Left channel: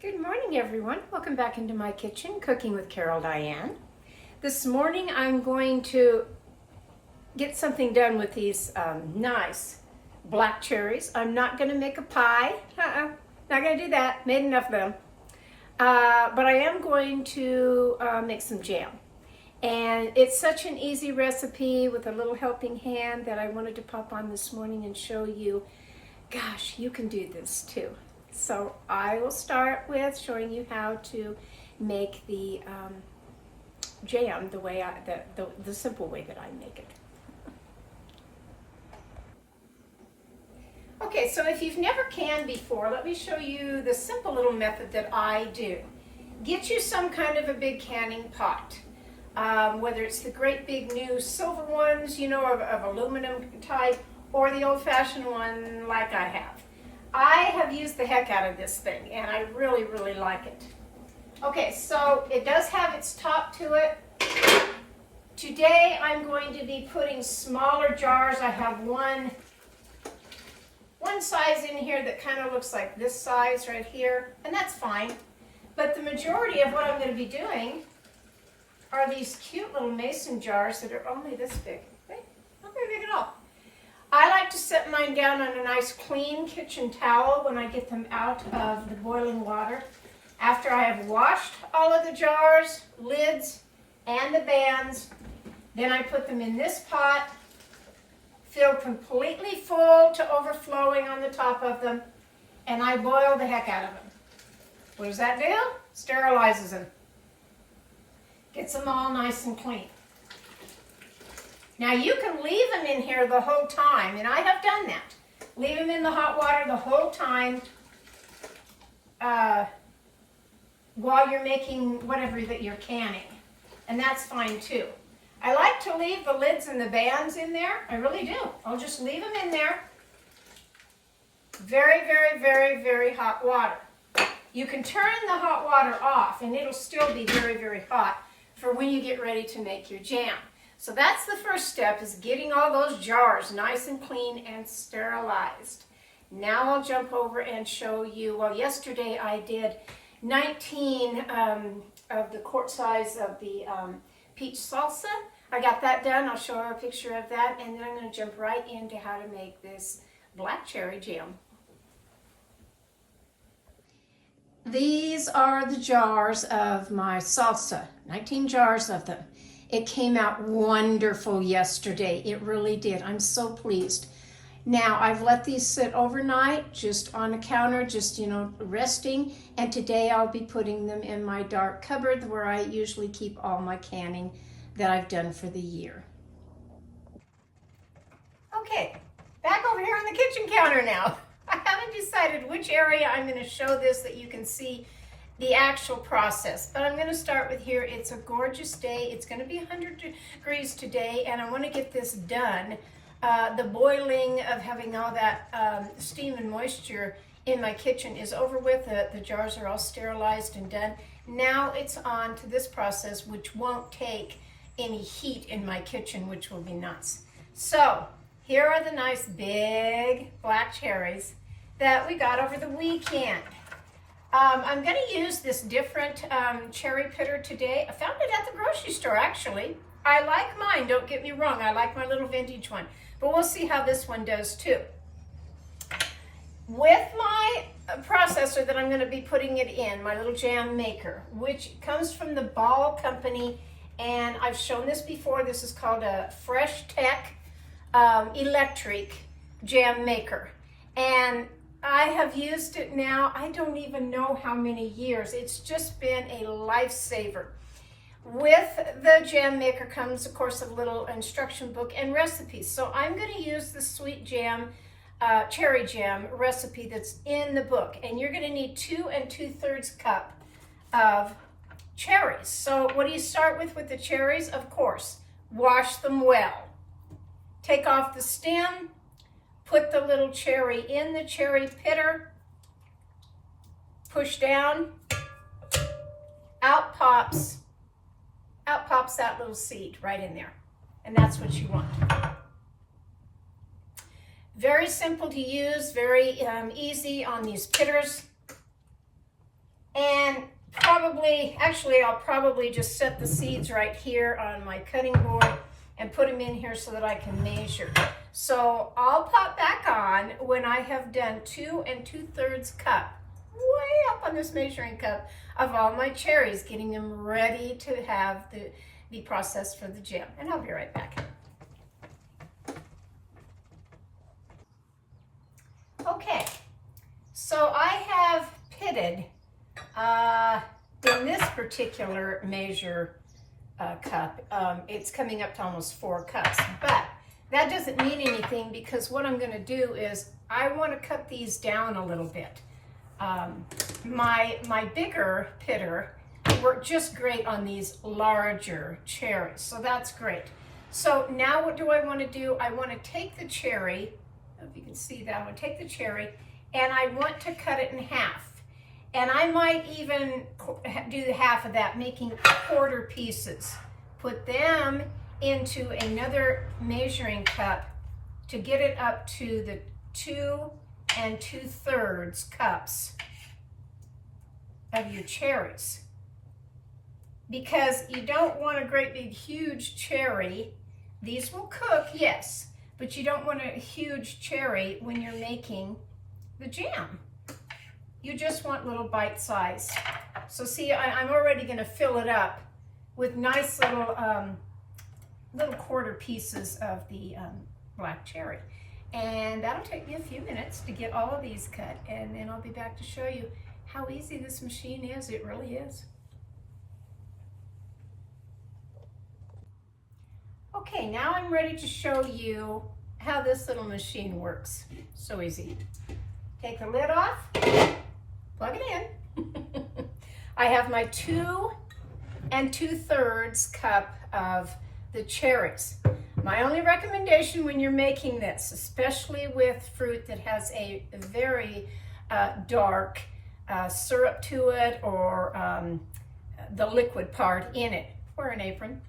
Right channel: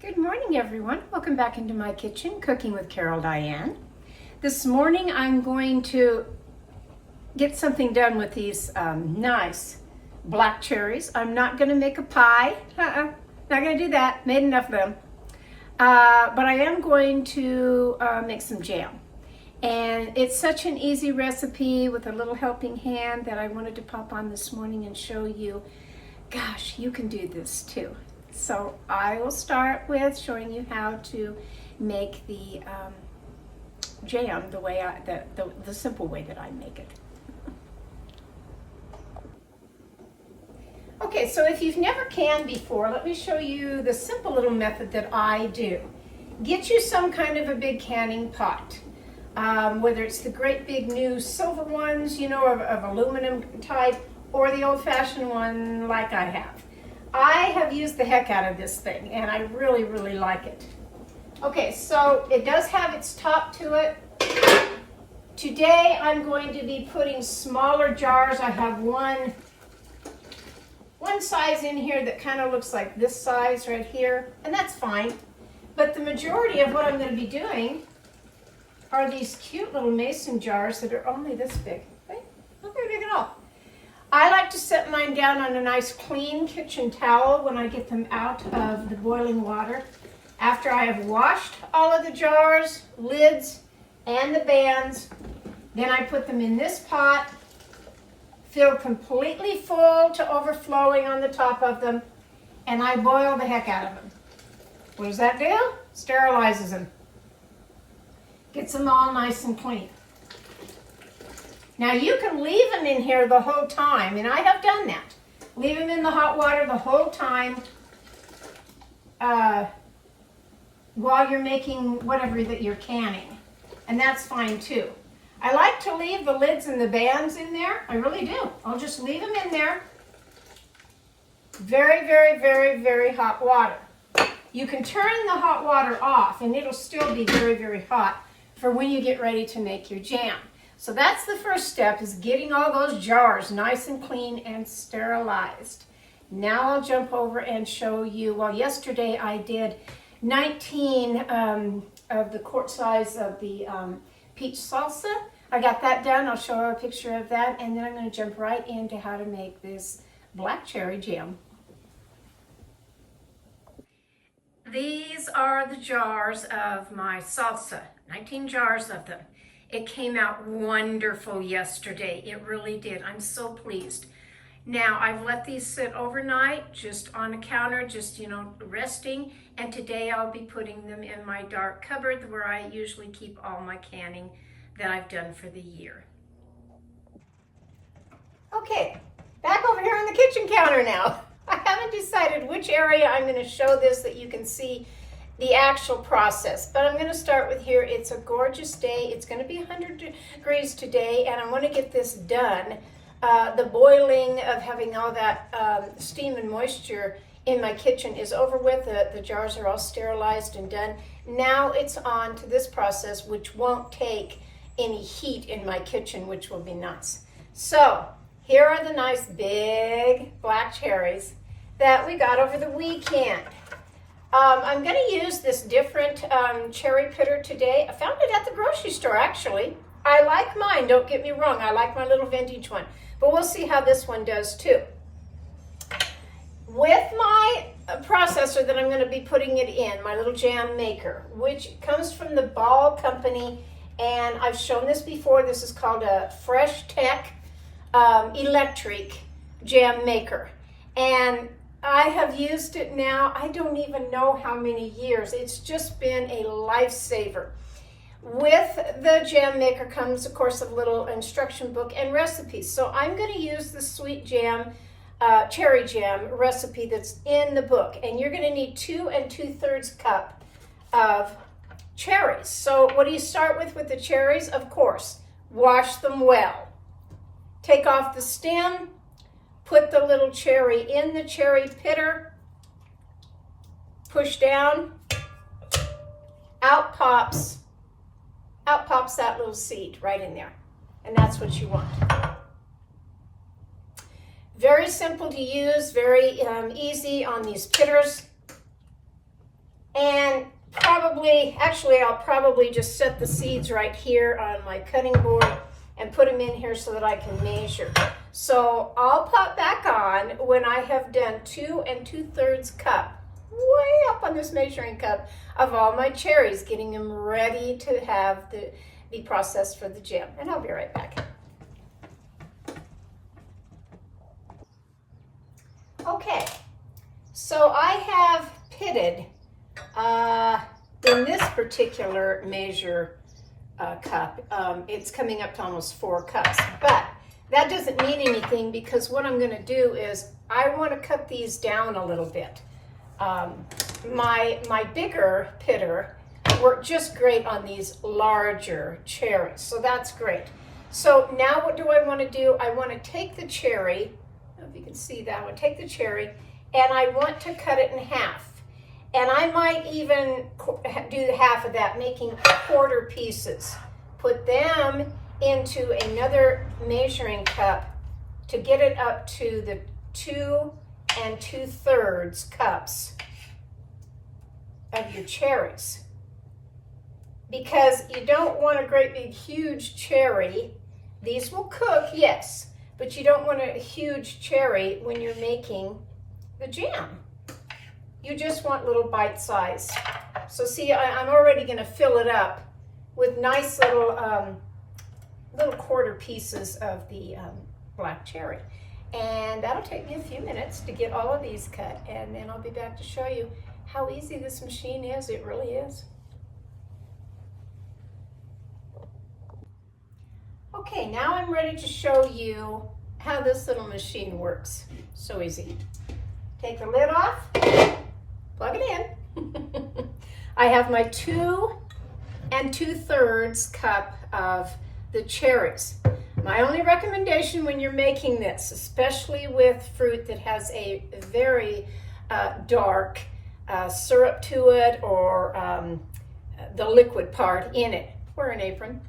Good morning, everyone. Welcome back into my kitchen, Cooking with Carol Diane. This morning I'm going to get something done with these nice black cherries. I'm not going to make a pie. Not going to do that. Made enough of them. But I am going to make some jam. And it's such an easy recipe with a little helping hand that I wanted to pop on this morning and show you, gosh, you can do this too. So I will start with showing you how to make the jam the way the simple way that I make it. Okay, so if you've never canned before, let me show you the simple little method that I do. Get you some kind of a big canning pot, whether it's the great big new silver ones, you know, of aluminum type, or the old-fashioned one like I have. I have used the heck out of this thing, and I really, really like it. Okay, so it does have its top to it. Today I'm going to be putting smaller jars. I have one size in here that kind of looks like this size right here, and that's fine. But the majority of what I'm going to be doing are these cute little mason jars that are only this big. Wait, not very big at all. I like to set mine down on a nice clean kitchen towel when I get them out of the boiling water. After I have washed all of the jars, lids, and the bands, then I put them in this pot, filled completely full to overflowing on the top of them, and I boil the heck out of them. What does that do? Sterilizes them. Gets them all nice and clean. Now you can leave them in here the whole time, and I have done that. Leave them in the hot water the whole time while you're making whatever that you're canning, and that's fine too. I like to leave the lids and the bands in there. I really do. I'll just leave them in there. Very, very, very, very hot water. You can turn the hot water off, and it'll still be very, very hot for when you get ready to make your jam. So that's the first step, is getting all those jars nice and clean and sterilized. Now I'll jump over and show you, well, yesterday I did 19 of the quart size of the peach salsa. I got that done. I'll show her a picture of that, and then I'm going to jump right into how to make this black cherry jam. These are the jars of my salsa, 19 jars of them. It came out wonderful yesterday. It really did. I'm so pleased. Now, I've let these sit overnight, just on the counter, just, resting. And today I'll be putting them in my dark cupboard where I usually keep all my canning that I've done for the year. Okay, back over here on the kitchen counter now. I haven't decided which area I'm going to show this that you can see the actual process, but I'm going to start with here. It's a gorgeous day. It's going to be 100 degrees today, and I want to get this done. The boiling of having all that steam and moisture in my kitchen is over with. The jars are all sterilized and done. Now it's on to this process, which won't take any heat in my kitchen, which will be nice. So here are the nice big black cherries that we got over the weekend. I'm going to use this different cherry pitter today. I found it at the grocery store, actually. I like mine, don't get me wrong. I like my little vintage one. But we'll see how this one does too. With my processor that I'm going to be putting it in, my little jam maker, which comes from the Ball Company, and I've shown this before. This is called a Fresh Tech electric jam maker. And I have used it now, I don't even know how many years. It's just been a lifesaver. With the jam maker comes, of course, a little instruction book and recipes. So I'm going to use the sweet jam, cherry jam recipe that's in the book. And you're going to need 2 2/3 cup of cherries. So what do you start with the cherries? Of course, wash them well. Take off the stem. Put the little cherry in the cherry pitter, push down, out pops that little seed right in there. And that's what you want. Very simple to use, very easy on these pitters. I'll probably just set the seeds right here on my cutting board and put them in here so that I can measure. So I'll pop back on when I have done 2 2/3 cup, way up on this measuring cup, of all my cherries, getting them ready to have be processed for the jam. And I'll be right back. Okay, so I have pitted in this particular measure cup, it's coming up to almost 4 cups, but that doesn't mean anything because what I'm going to do is I want to cut these down a little bit. My bigger pitter worked just great on these larger cherries, so that's great. So now what do I want to do? I want to take the cherry, I don't know if you can see that, I want to take the cherry and I want to cut it in half. And I might even do half of that, making quarter pieces. Put them into another measuring cup to get it up to the 2 2/3 cups of your cherries. Because you don't want a great big huge cherry. These will cook, yes, but you don't want a huge cherry when you're making the jam. You just want little bite size. So see, I'm already going to fill it up with nice little quarter pieces of the black cherry. And that'll take me a few minutes to get all of these cut, and then I'll be back to show you how easy this machine is. It really is. Okay, now I'm ready to show you how this little machine works. So easy. Take the lid off. Plug it in. I have my 2 2/3 cup of the cherries. My only recommendation when you're making this, especially with fruit that has a very dark syrup to it or the liquid part in it, wear an apron.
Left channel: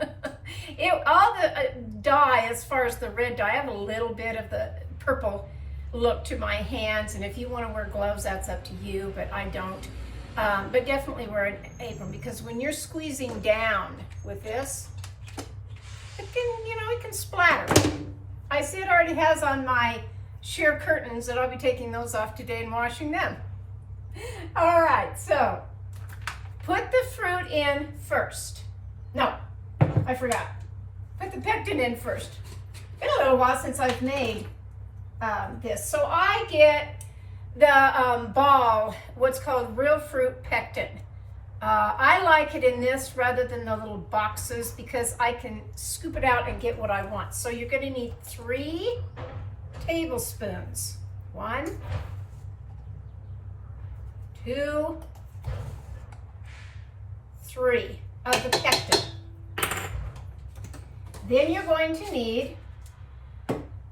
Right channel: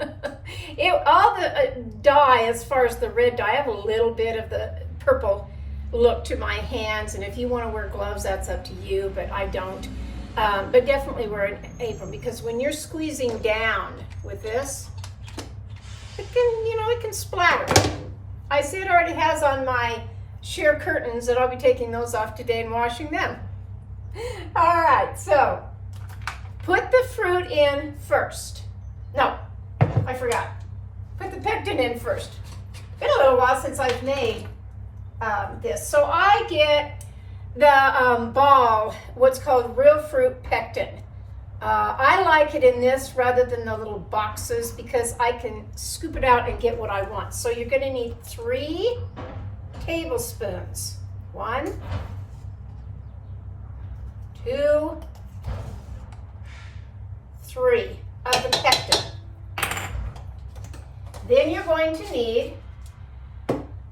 All the dye, as far as the red dye, I have a little bit of the purple look to my hands, and if you want to wear gloves, that's up to you, but I don't. But definitely wear an apron, because when you're squeezing down with this, it can splatter. I see it already has on my sheer curtains, and I'll be taking those off today and washing them. All right, so put the fruit in first. No, I forgot. Put the pectin in first. It's been a little while since I've made this. So I get the ball, what's called real fruit pectin. I like it in this rather than the little boxes because I can scoop it out and get what I want. So you're going to need 3 tablespoons. 1, 2, 3 of the pectin. Then you're going to need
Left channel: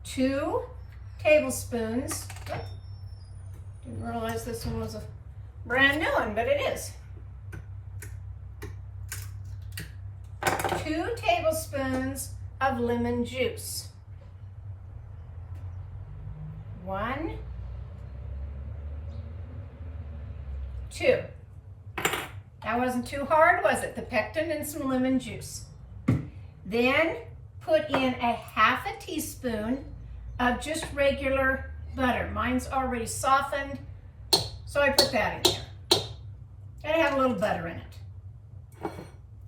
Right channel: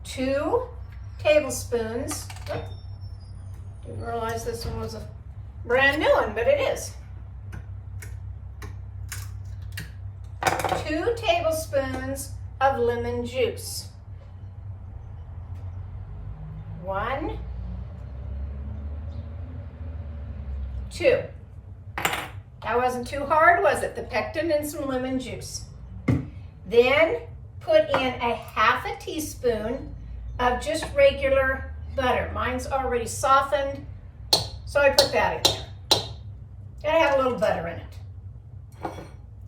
2 tablespoons. Didn't realize this one was a brand new one, but it is. 2 tablespoons of lemon juice. 1, 2. That wasn't too hard, was it? The pectin and some lemon juice. Then put in a half a teaspoon of just regular butter. Mine's already softened, so I put that in there. And I have a little butter in it.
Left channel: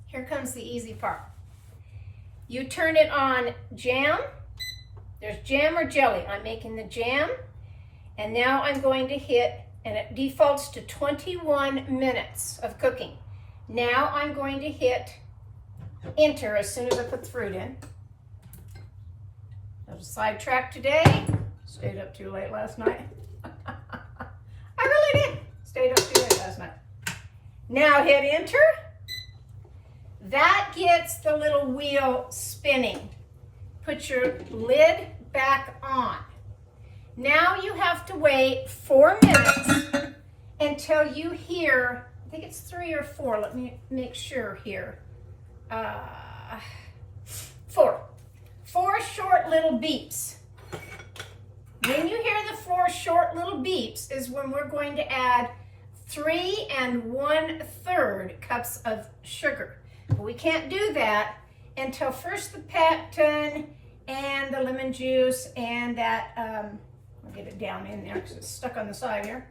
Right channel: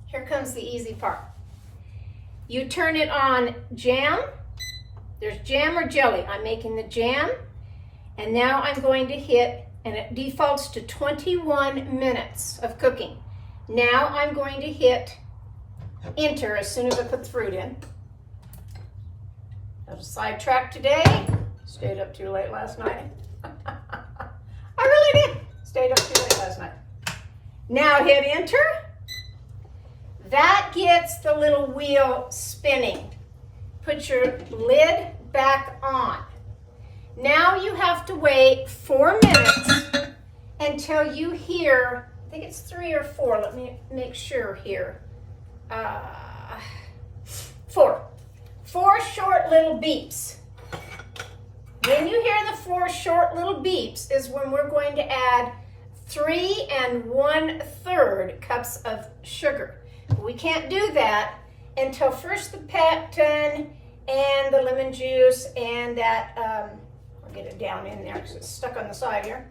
Here comes the easy part. You turn it on jam. There's jam or jelly. I'm making the jam. And now I'm going to hit, and it defaults to 21 minutes of cooking. Now I'm going to hit enter as soon as I put the fruit in. I was sidetracked today. Stayed up too late last night. I really did. Stayed up too late last night. Now hit enter. That gets the little wheel spinning. Put your lid back on. Now you have to wait 4 minutes until you hear, I think it's 3 or 4. Let me make sure here. 4. 4 short little beeps. When you hear the 4 short little beeps is when we're going to add 3 1/3 cups of sugar. We can't do that until first the pectin and the lemon juice and that, I'll get it down in there because it's stuck on the side here.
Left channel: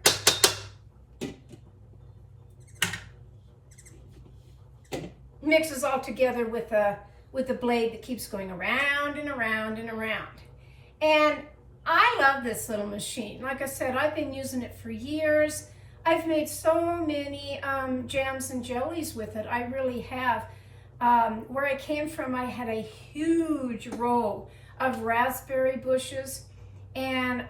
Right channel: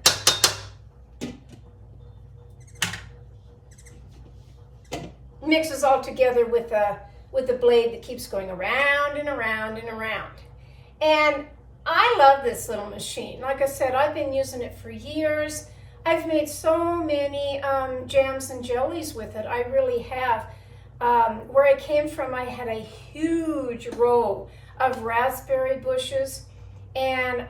Mixes all together with the blade that keeps going around and around and around. And I love this little machine. Like I said, I've been using it for years. I've made so many jams and jellies with it. I really have. Where I came from, I had a huge row of raspberry bushes, and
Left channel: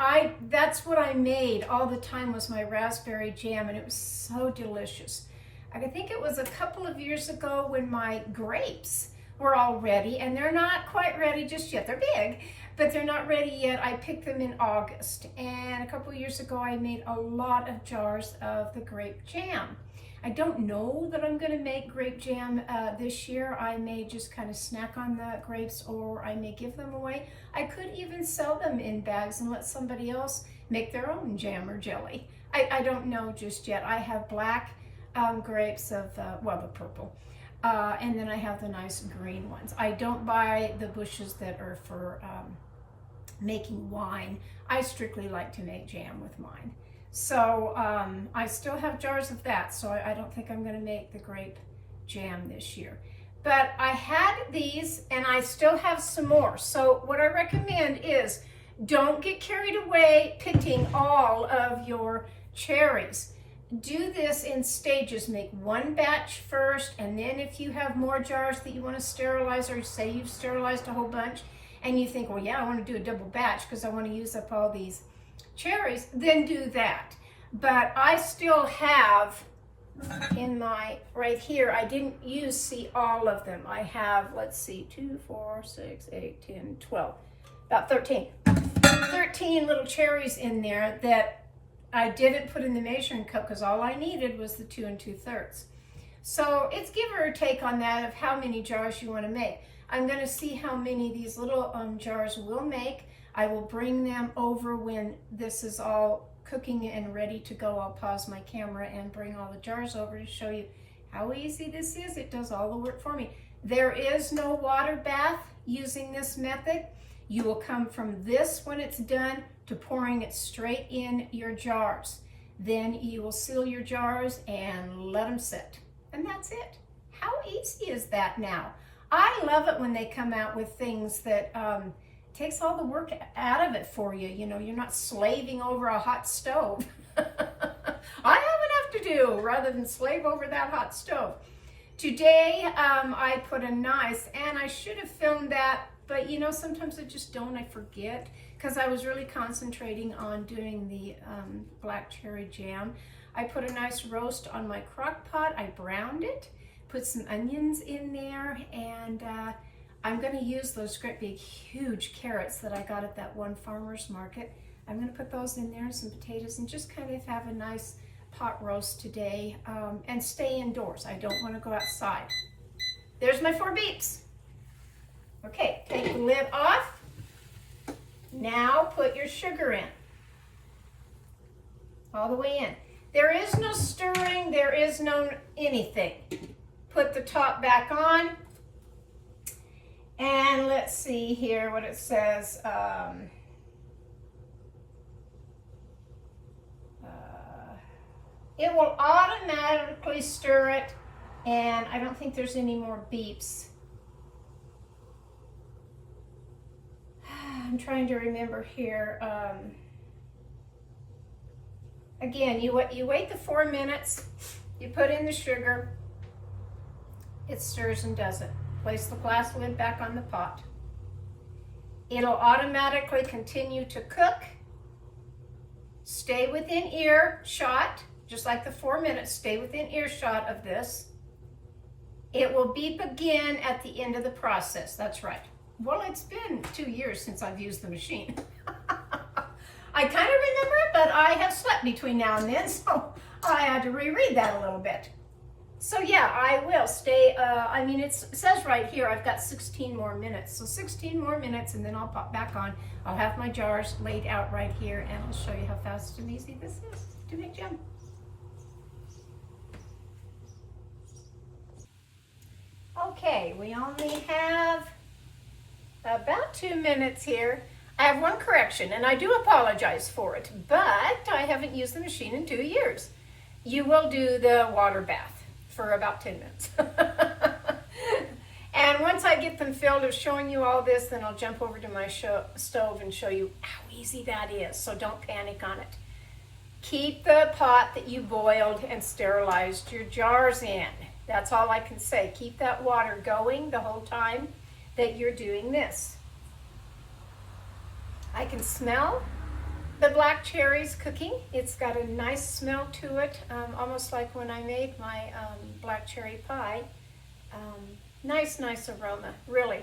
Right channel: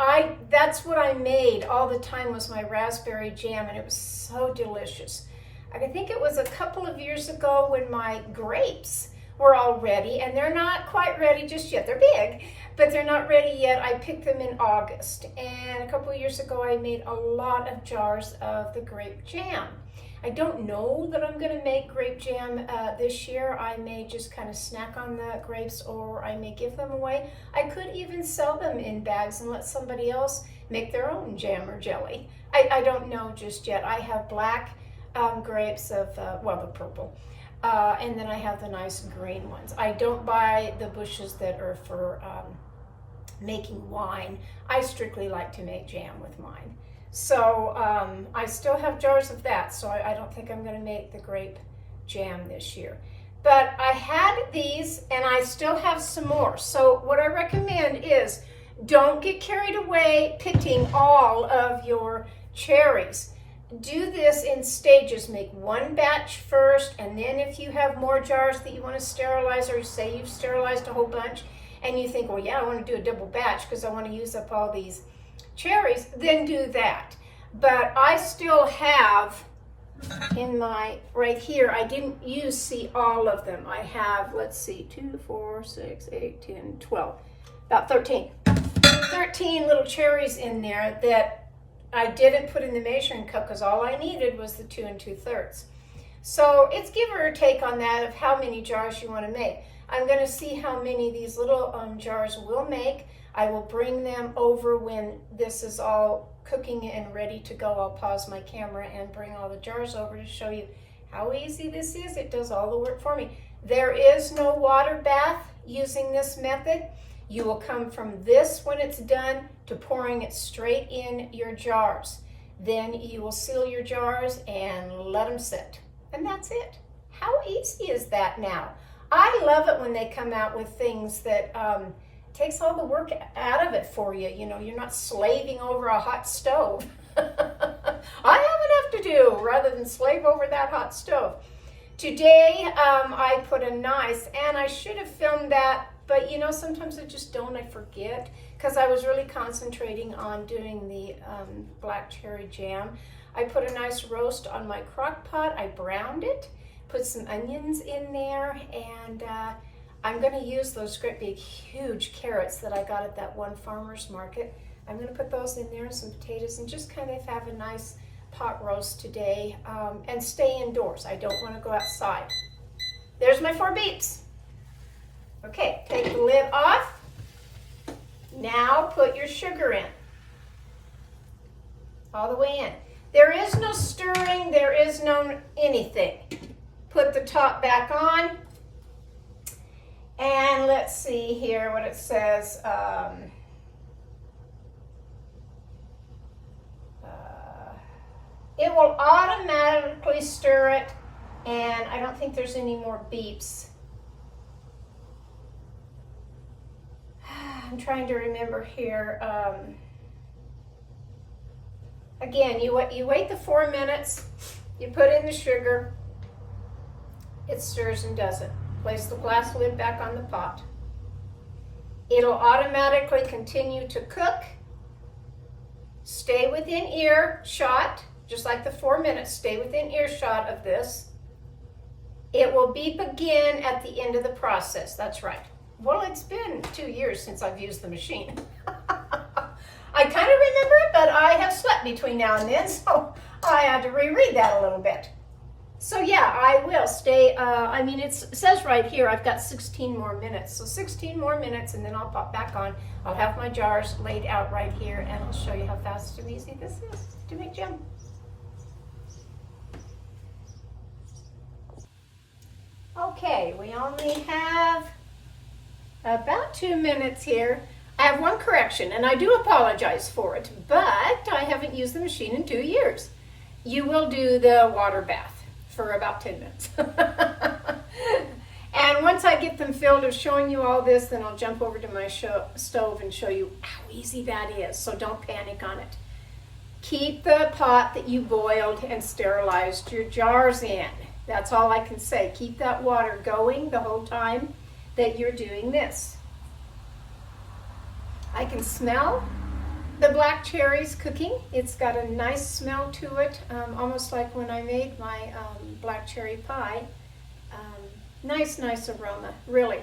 that's what I made all the time was my raspberry jam, and it was so delicious. I think it was a couple of years ago when my grapes were all ready, and they're not quite ready just yet. They're big, but they're not ready yet. I picked them in August, and a couple of years ago I made a lot of jars of the grape jam. I don't know that I'm going to make grape jam this year. I may just kind of snack on the grapes, or I may give them away. I could even sell them in bags and let somebody else make their own jam or jelly. I don't know just yet. I have black grapes of, well, the purple. And then I have the nice green ones. I don't buy the bushes that are for making wine. I strictly like to make jam with mine. So I still have jars of that, so I don't think I'm going to make the grape jam this year. But I had these, and I still have some more. So what I recommend is don't get carried away picking all of your cherries. Do this in stages. Make one batch first, and then if you have more jars that you want to sterilize, or say you've sterilized a whole bunch, and you think, well, yeah, I want to do a double batch because I want to use up all these cherries, then do that. But I still have in my, right here, I didn't see all of them. I have, let's see, 2, 4, 6, 8, 10, 12, about 13 little cherries in there that I didn't put in the measuring cup because all I needed was the 2 2/3. So it's give or take on that of how many jars you want to make. I'm going to see how many these little jars will make. I will bring them over when this is all cooking and ready to go. I'll pause my camera and bring all the jars over to show you how easy this is. It does all the work for me. There is no water bath using this method. You will come from this when it's done to pouring it straight in your jars. Then you will seal your jars and let them sit. And that's it. How easy is that now? I love it when they come out with things that takes all the work out of it for you. You know, you're not slaving over a hot stove. I have enough to do rather than slave over that hot stove. Today, I put a nice, and I should have filmed that, but you know, sometimes I just don't, I forget, because I was really concentrating on doing the black cherry jam. I put a nice roast on my crock pot. I browned it, put some onions in there, and I'm going to use those great big huge carrots that I got at that one farmer's market. I'm going to put those in there and some potatoes and just kind of have a nice pot roast today and stay indoors. I don't want to go outside. There's my 4 beeps. Okay, take the lid off. Now put your sugar in. All the way in. There is no stirring, there is no anything. Put the top back on. And let's see here what it says. It will automatically stir it, and I don't think there's any more beeps. I'm trying to remember here. Again, you wait the 4 minutes, you put in the sugar, it stirs and does it. Place the glass lid back on the pot. It'll automatically continue to cook. Stay within earshot, just like the 4 minutes, stay within earshot of this. It will beep again at the end of the process, that's right. Well, it's been 2 years since I've used the machine. I kind of remember it, but I have slept between now and then, so I had to reread that a little bit. So yeah, I will stay, I mean, it says right here, I've got 16 more minutes. So 16 more minutes and then I'll pop back on. I'll have my jars laid out right here and I'll show you how fast and easy this is to make jam. Okay, we only have about 2 minutes here. I have one correction, and I do apologize for it, but I haven't used the machine in 2 years. You will do the water bath for about 10 minutes. And once I get them filled of showing you all this, then I'll jump over to my stove and show you how easy that is, so don't panic on it. Keep the pot that you boiled and sterilized your jars in. That's all I can say. Keep that water going the whole time that you're doing this. I can smell the black cherries cooking. It's got a nice smell to it, almost like when I made my black cherry pie. Nice aroma, really.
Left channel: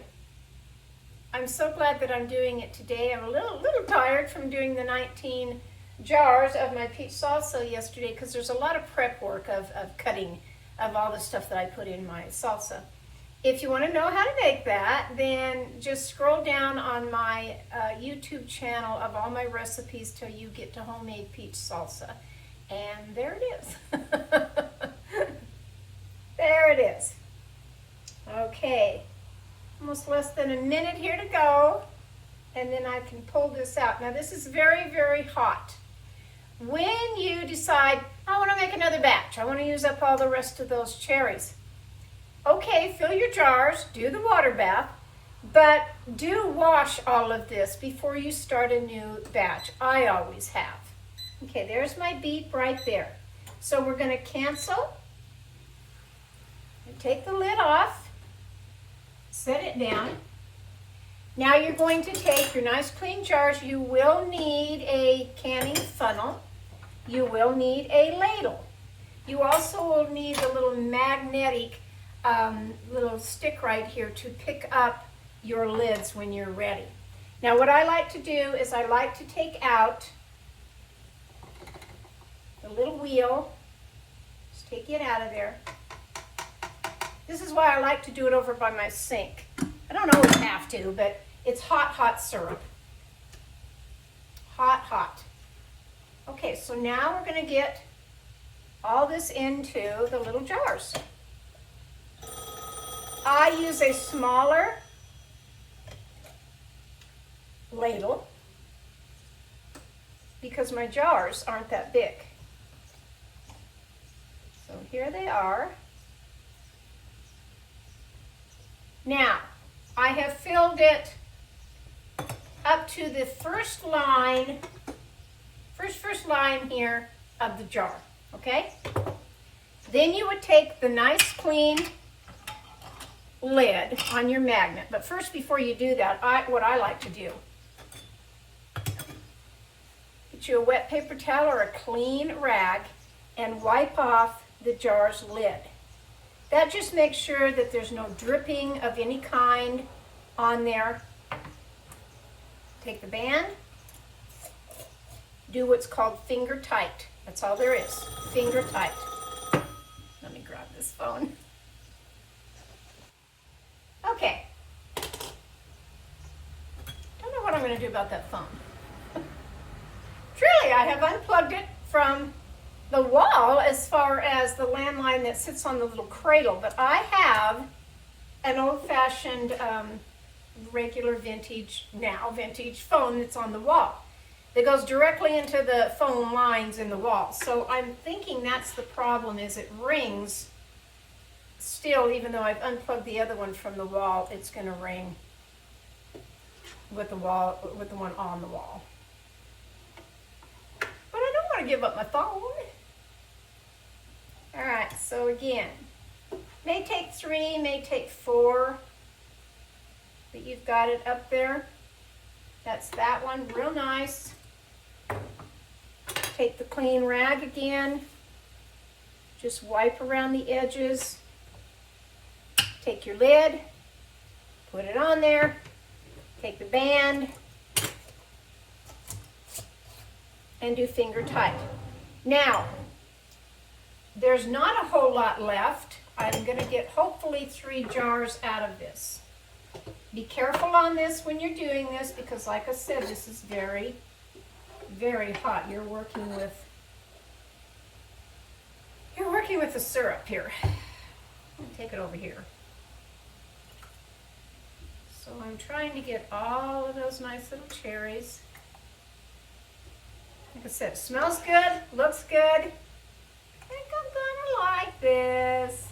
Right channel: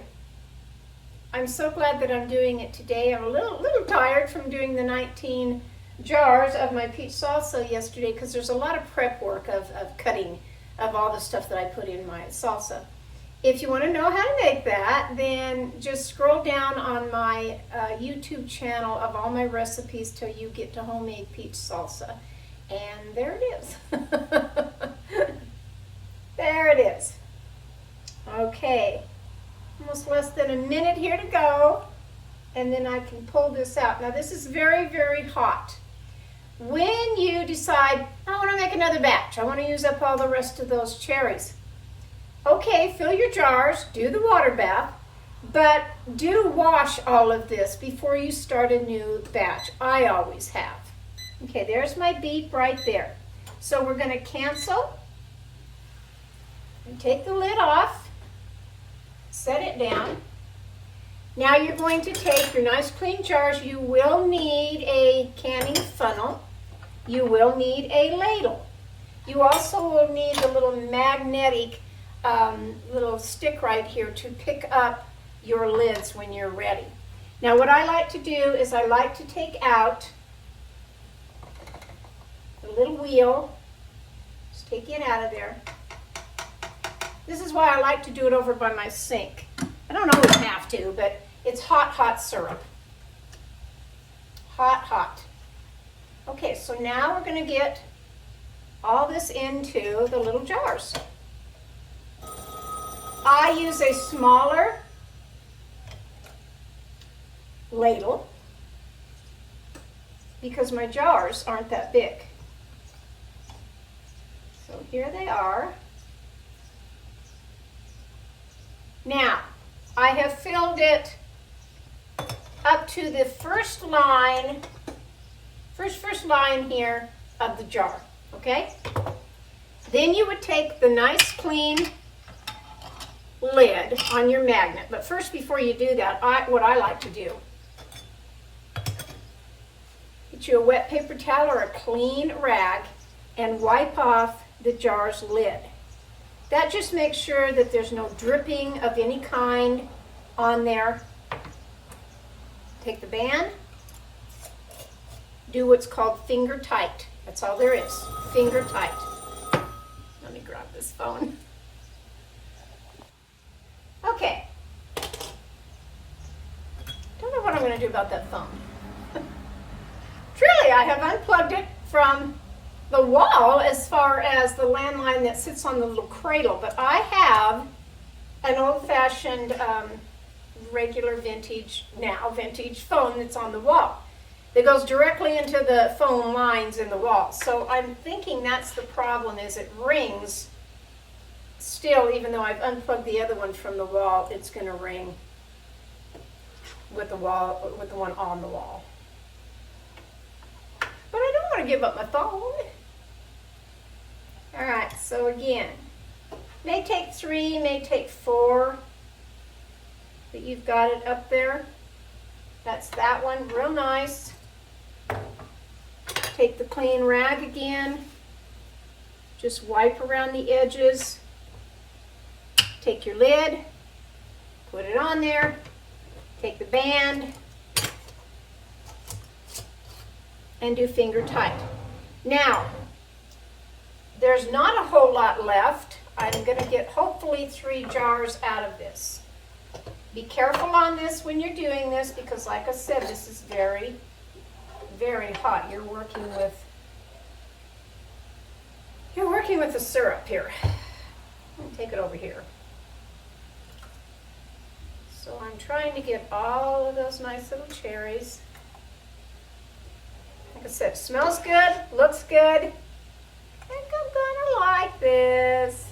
I'm so glad that I'm doing it today. I'm a little tired from doing the 19 jars of my peach salsa yesterday because there's a lot of prep work of cutting of all the stuff that I put in my salsa. If you want to know how to make that, then just scroll down on my YouTube channel of all my recipes till you get to homemade peach salsa. And there it is. There it is. Okay, almost less than a minute here to go, and then I can pull this out. Now this is very hot. When you decide, I want to make another batch, I want to use up all the rest of those cherries. Okay, fill your jars, do the water bath, but do wash all of this before you start a new batch. I always have. Okay, there's my beet right there. So we're going to cancel and take the lid off. Set it down. Now you're going to take your nice clean jars. You will need a canning funnel. You will need a ladle. You also will need a little magnetic little stick right here to pick up your lids when you're ready. Now what I like to do is I like to take out the little wheel. Just take it out of there. This is why I like to do it over by my sink. I don't always have to, but it's hot syrup. Hot. Okay, so now we're going to get all this into the little jars. I use a smaller ladle because my jars aren't that big. So here they are. Now, I have filled it up to the first line here of the jar, okay? Then you would take the nice clean lid on your magnet. But first, before you do that, what I like to do, get you a wet paper towel or a clean rag and wipe off the jar's lid. That just makes sure that there's no dripping of any kind on there. Take the band, do what's called finger tight. That's all there is, finger tight. Let me grab this phone. Okay. Don't know what I'm going to do about that phone. Truly, I have unplugged it from the wall as far as the landline that sits on the little cradle, but I have an old-fashioned regular vintage phone that's on the wall that goes directly into the phone lines in the wall. So I'm thinking that's the problem, is it rings still, even though I've unplugged the other one from the wall. It's going to ring with the one on the wall. But I don't want to give up my phone. All right, so again, may take 3, may take 4, but you've got it up there. That's that one, real nice. Take the clean rag again, just wipe around the edges. Take your lid, put it on there, take the band, and do finger tight. Now, there's not a whole lot left. I'm going to get hopefully 3 jars out of this. Be careful on this when you're doing this because, like I said, this is very hot. You're working with the syrup here. I'll take it over here. So I'm trying to get all of those nice little cherries. Like I said, smells good, looks good. I think I'm gonna like this.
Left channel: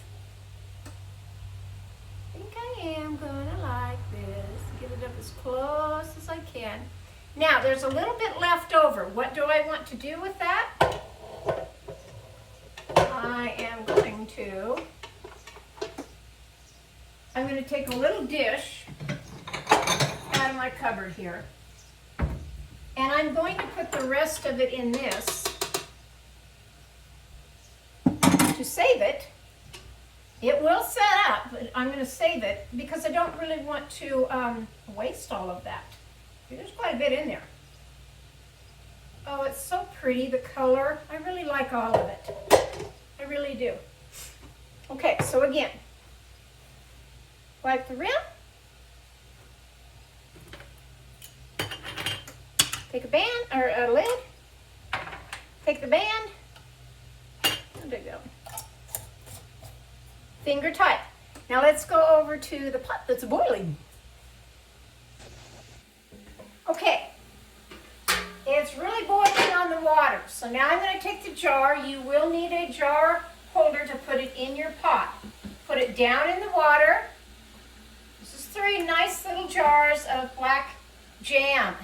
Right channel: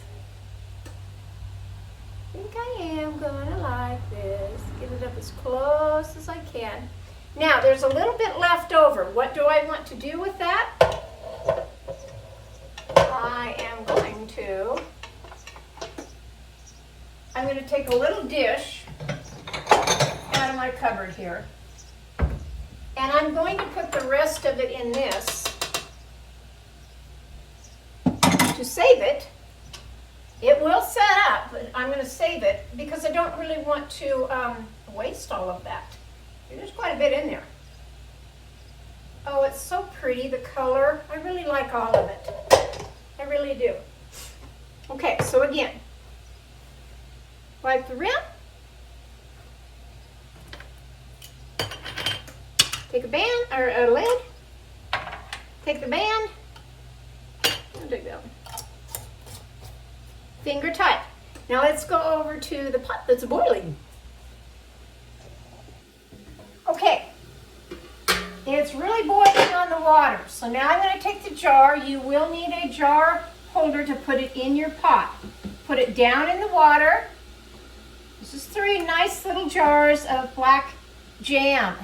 I think I am gonna like this. Get it up as close as I can. Now, there's a little bit left over. What do I want to do with that? I'm going to take a little dish out of my cupboard here, and I'm going to put the rest of it in this to save it. It will set up, but I'm going to save it because I don't really want to waste all of that. There's quite a bit in there. Oh, it's so pretty, the color. I really like all of it. I really do. Okay, so again, wipe the rim. Take a band, or a lid. Take the band. Where'd it go? Finger tight. Now let's go over to the pot that's boiling. Okay, it's really boiling on the water. So now I'm going to take the jar. You will need a jar holder to put it in your pot. Put it down in the water. This is 3 nice little jars of black jam.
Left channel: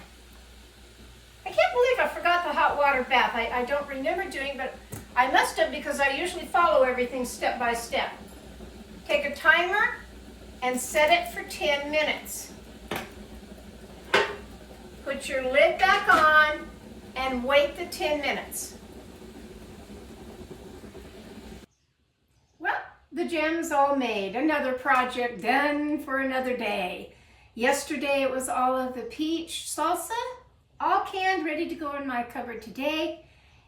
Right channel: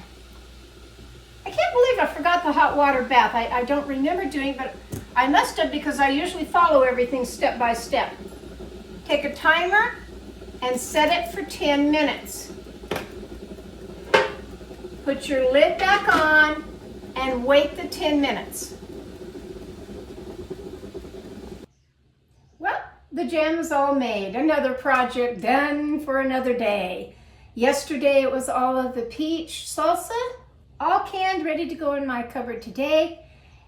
I can't believe I forgot the hot water bath. I don't remember doing, but I must have because I usually follow everything step by step. Take a timer and set it for 10 minutes. Put your lid back on and wait the 10 minutes. Well, the jam is all made. Another project done for another day. Yesterday it was all of the peach salsa, all canned, ready to go in my cupboard today.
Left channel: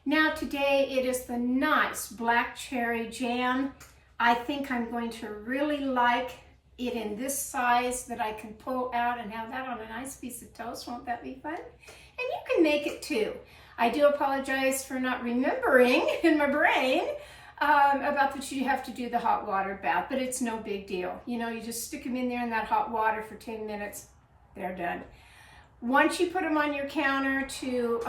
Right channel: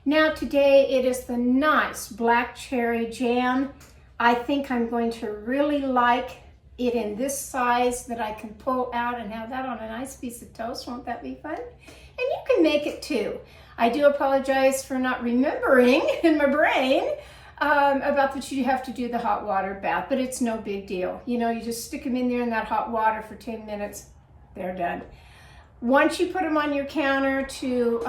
Now today it is the nice black cherry jam. I think I'm going to really like it in this size that I can pull out and have that on a nice piece of toast. Won't that be fun? And you can make it too. I do apologize for not remembering in my brain about that you have to do the hot water bath, but it's no big deal. You know, you just stick them in there in that hot water for 10 minutes, they're done. Once you put them on your counter to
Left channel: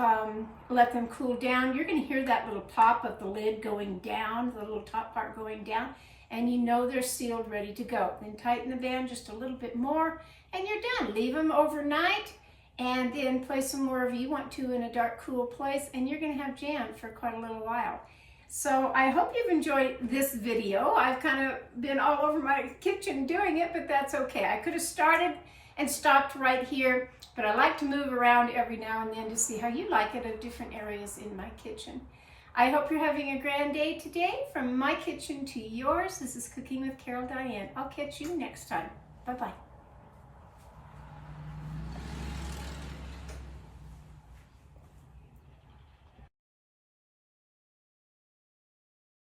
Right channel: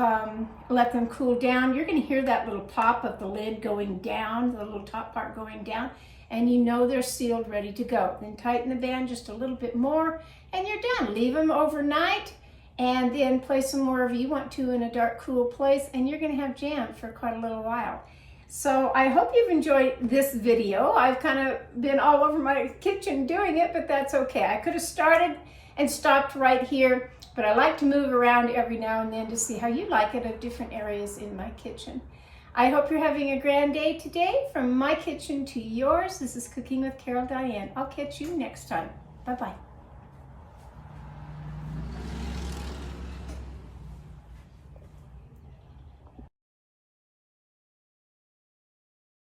let them cool down, you're going to hear that little pop of the lid going down, the little top part going down, and you know they're sealed, ready to go. Then tighten the band just a little bit more, and you're done. Leave them overnight, and then place them wherever you want to in a dark, cool place, and you're going to have jam for quite a little while. So I hope you've enjoyed this video. I've kind of been all over my kitchen doing it, but that's okay. I could have started and stopped right here, but I like to move around every now and then to see how you like it at different areas in my kitchen. I hope you're having a grand day today. From my kitchen to yours, this is Cooking with Carol Diane. I'll catch you next time. Bye-bye.